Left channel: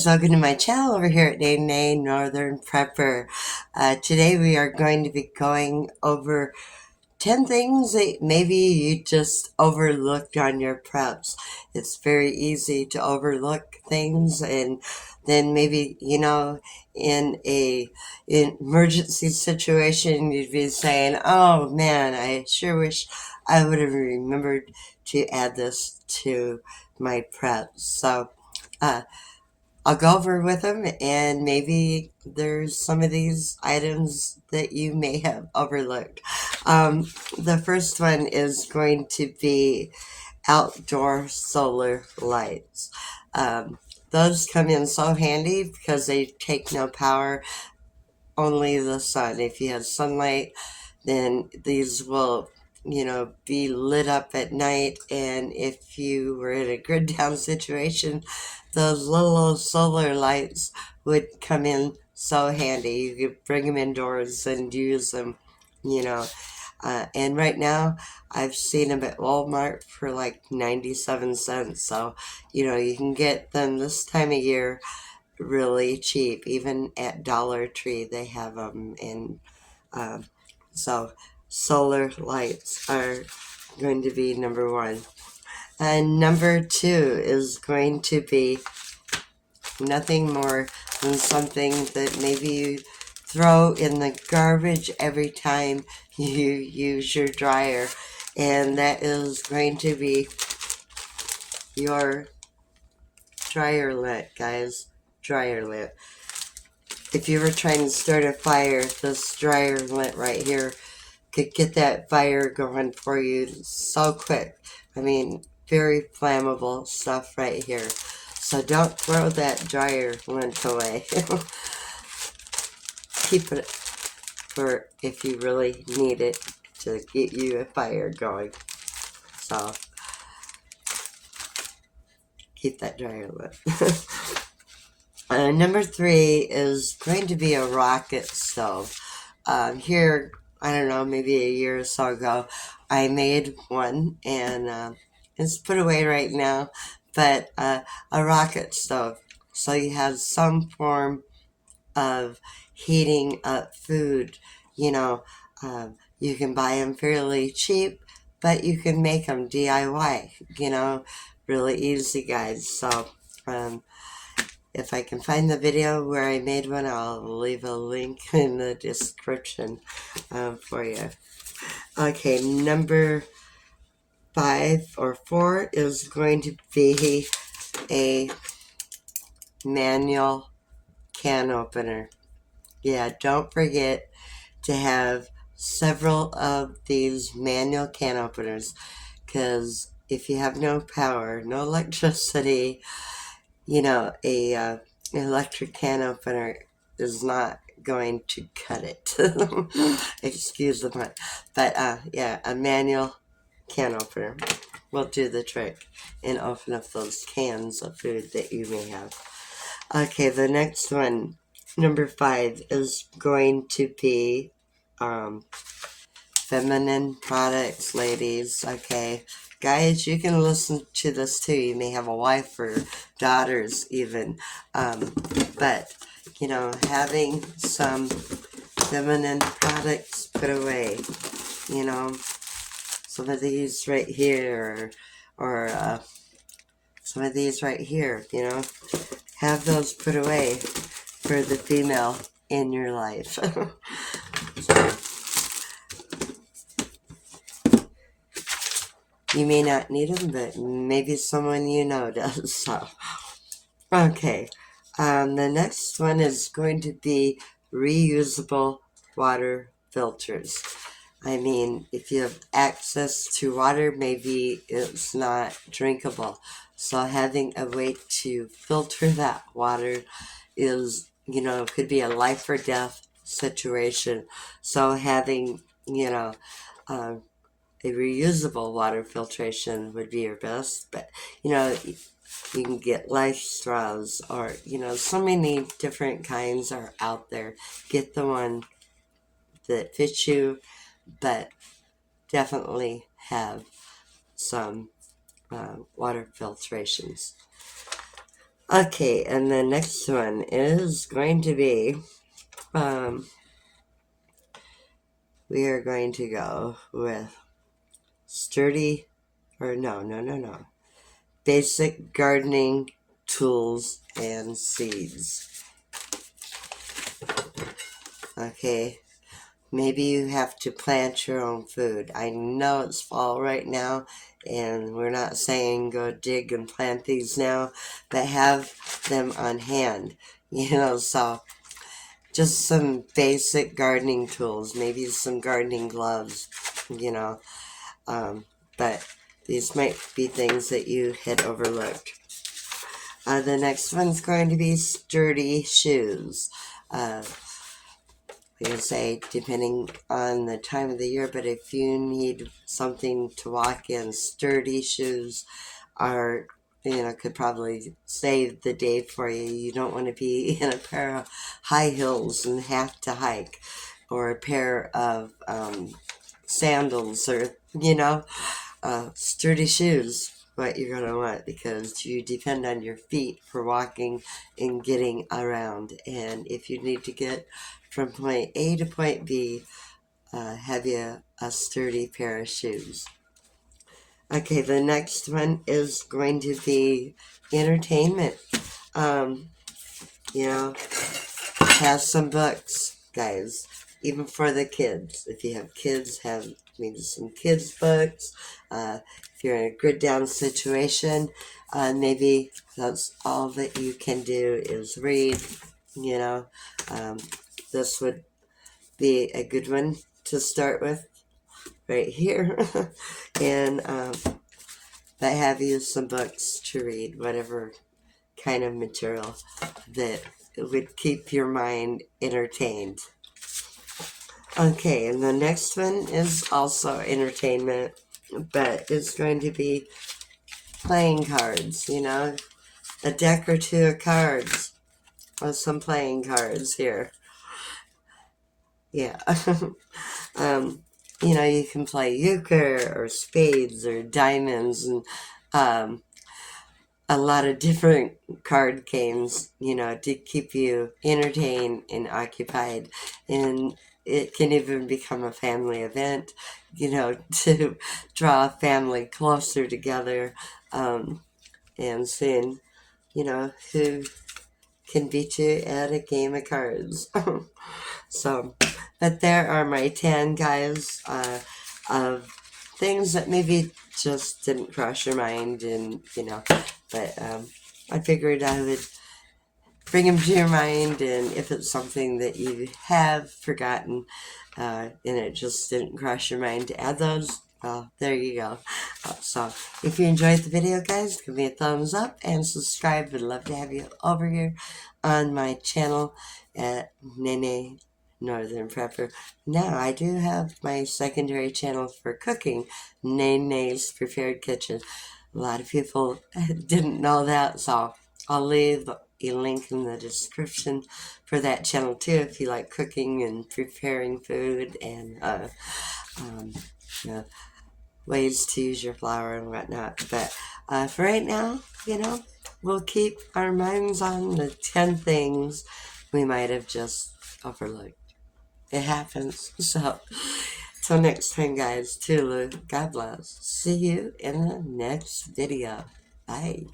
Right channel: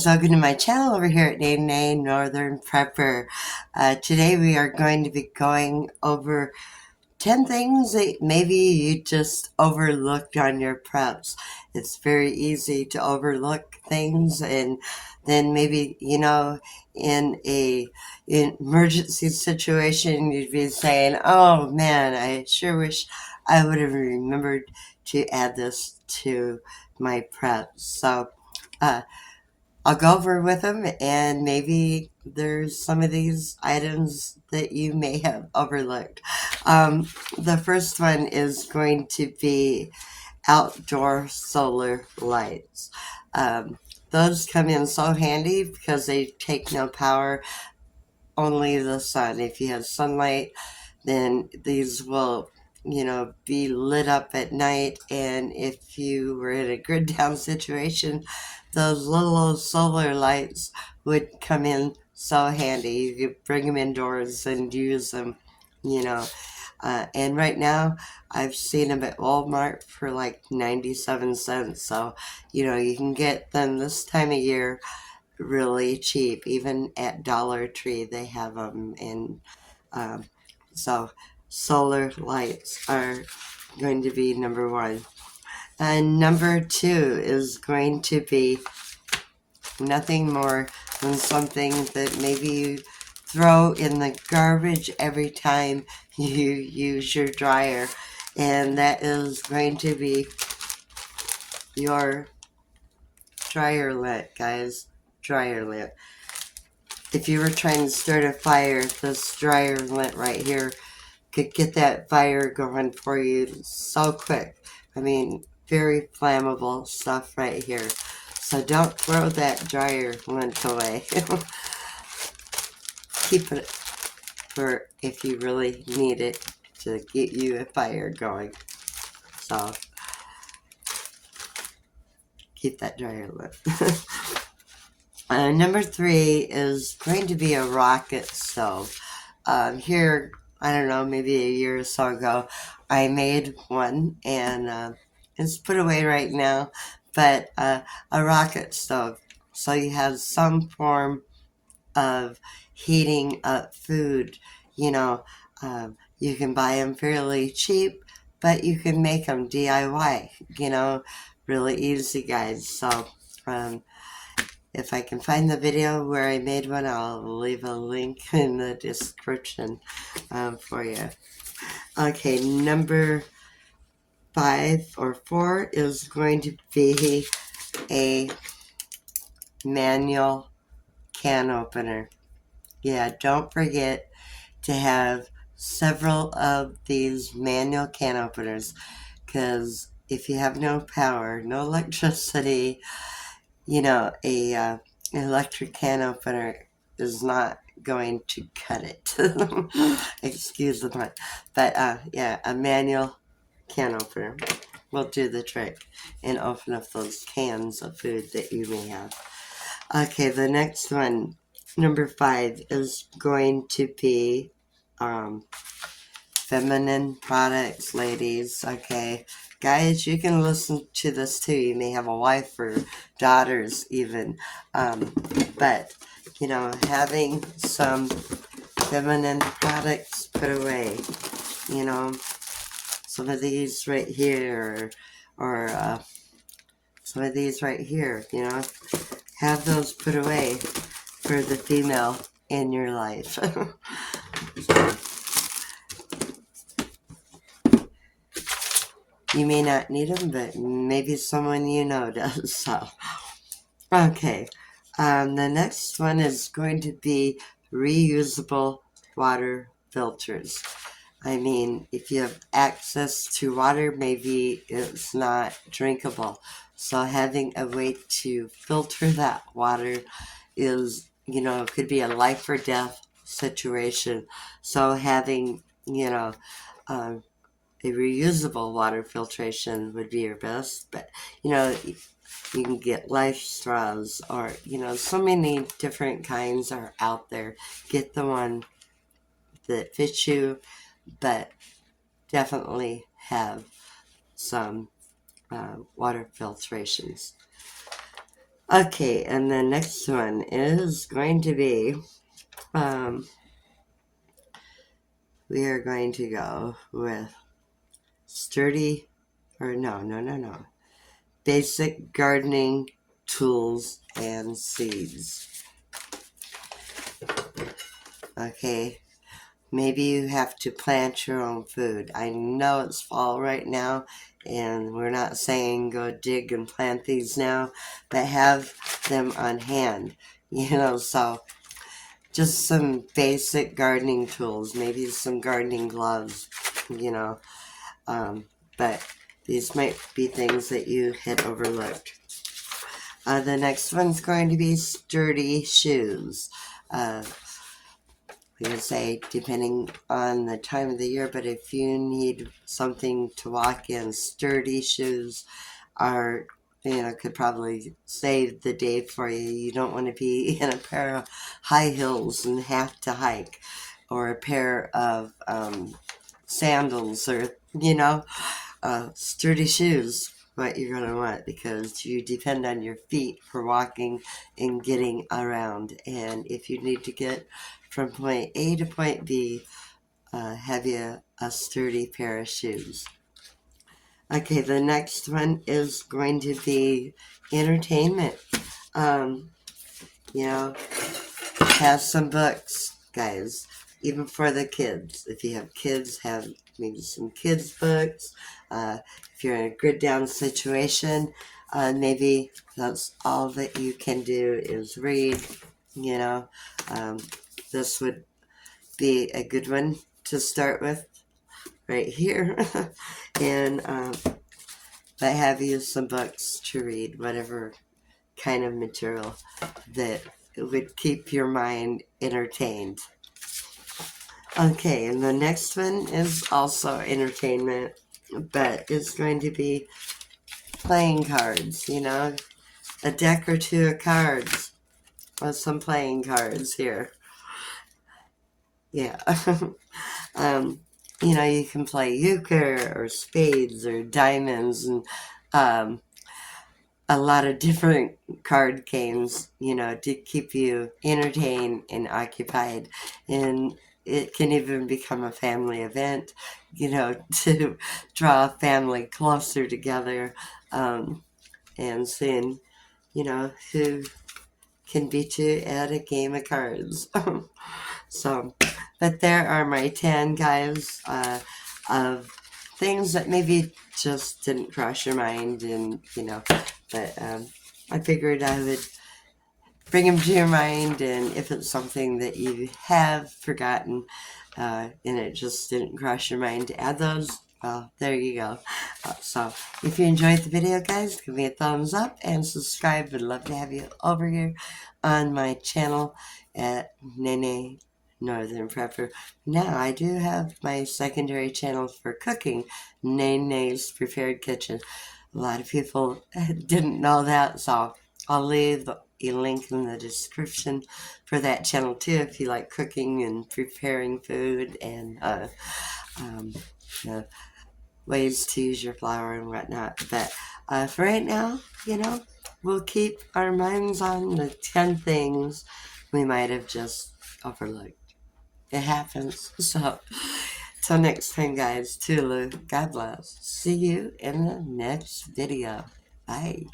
guys, welcome to my channel over here at Nay Northern Prepper. Today we are going to be going over 10 things that maybe you just overlooked on your preps. It's very easy to overlook things, and then maybe, in a emergency situation, you'd be saying, oh man, I sure wish I would have remembered to add this to my preps. So, I'll go over with them, and maybe there's some of these items that you may have overlooked. The first one is going to be outdoor solar lights. Those come in so handy because they take no power, only the sun. If you have sunlight, then these will be lit up at night, and if you were in a grid down situation, those little solar lights would come in so handy. You could bring them indoors and use them, you know. And right now, I've seen them at Walmart for like 97 cents. So, you can get them this time of year really cheap. Even at Dollar Tree, they have them. And um, so, solar lights are going to be number one. And number two is going to be nothing more than something that maybe you throw in the garbage every time you use your dryer, and that is going to be your dryer lint, guys. Dryer lint. If you were trying to start a fire, this dryer lint right here could get that fire going for you so quick. I mean, very flammable stuff right here. So don't throw that dryer lint away. Keep it for if you really need it to get you a fire going. So keep that dryer lint. Number three is going to be a rocket stove. Here, I don't know, maybe a year or so ago, I made one, and it's put away right now, but a rocket stove. So you have some form of heating up food. You know, you can buy them fairly cheap, but you can make them DIY, really easy, guys. So, if I can find the video where I made one, I'll leave a link in the description for you. Okay, number 5 or 4 is going to be a manual can opener. Yeah, don't forget to have several of these manual can openers, because if you have no power, no electricity, a electric can opener is not going to cut it. Excuse the pun. But yeah, a manual can opener will do the trick and open up those cans of food that you may have. Okay, the next one, number 5, is going to be feminine products, ladies. Okay, guys, you can listen to this too. You may have a wife or daughters even, but having some feminine products put away, some of these right here, or some of these right here, have those put away for the female in your life. So, you may not need them, but maybe someone you know does. So, okay. The next one is going to be reusable water filters. I mean, if you have access to water, maybe it's not drinkable. So having a way to filter that water is, could be a life or death situation. So having, a reusable water filtration would be your best. But, you can get life straws, or, so many different kinds are out there. Get the one that fits you, but definitely have some water filtrations. Okay, and the next one is going to be, um, we are going to go with sturdy, or no, basic gardening tools and seeds. Okay, maybe you have to plant your own food. I know it's fall right now, and we're not saying go dig and plant these now, but have them on hand, so just some basic gardening tools, maybe some gardening gloves, you know, but these might be things that you had overlooked. The next one's going to be sturdy shoes. We can say depending on the time of the year, but if you need something to walk in, sturdy shoes are, could probably save the day for you. You don't want to be in a pair of high heels and have to hike, or a pair of sandals, or, sturdy shoes. What you're going to want, because you depend on your feet for walking and getting around. And if you need to get from point A to point B, have you a sturdy pair of shoes. Okay, the next one is going to be entertainment. Um, you know, have some books, guys, even for the kids. If you have kids, have maybe some kids' books. If you're in a good down situation, maybe that's all that you can do is read. You know, um, this would be a good one to start with right here. And but have you some books to read, whatever kind of material that would keep your mind entertained. Okay, and the next one is also entertainment, but it's going to be playing cards, a deck or two of cards, or some playing cards here. Yeah. You can play euchre or spades or diamonds, and um, a lot of different card games, to keep you entertained and occupied. And it can even become a family event, to draw a family closer together, and seeing, who can beat you at a game of cards. So, but there are my 10 guys, of things that maybe just didn't cross your mind, and but I figured I would bring them to your mind, and if it's something that you have forgotten, and it just didn't cross your mind to add those, well, there you go. So if you enjoyed the video, guys, give me a thumbs up and subscribe. Would love to have you over here on my channel at Nene Northern Prepper. Now I do have my secondary channel for cooking, Naynays Prepared Kitchen. A lot of people didn't know that, so I'll leave a link in the description for that channel too, if you like cooking and preparing food, and ways to use your flour and whatnot. But for right now, we'll keep our minds on the 10 things we might have just overlooked. It happens. So, till next time, guys, Tulu, God bless. See you in the next video. Bye.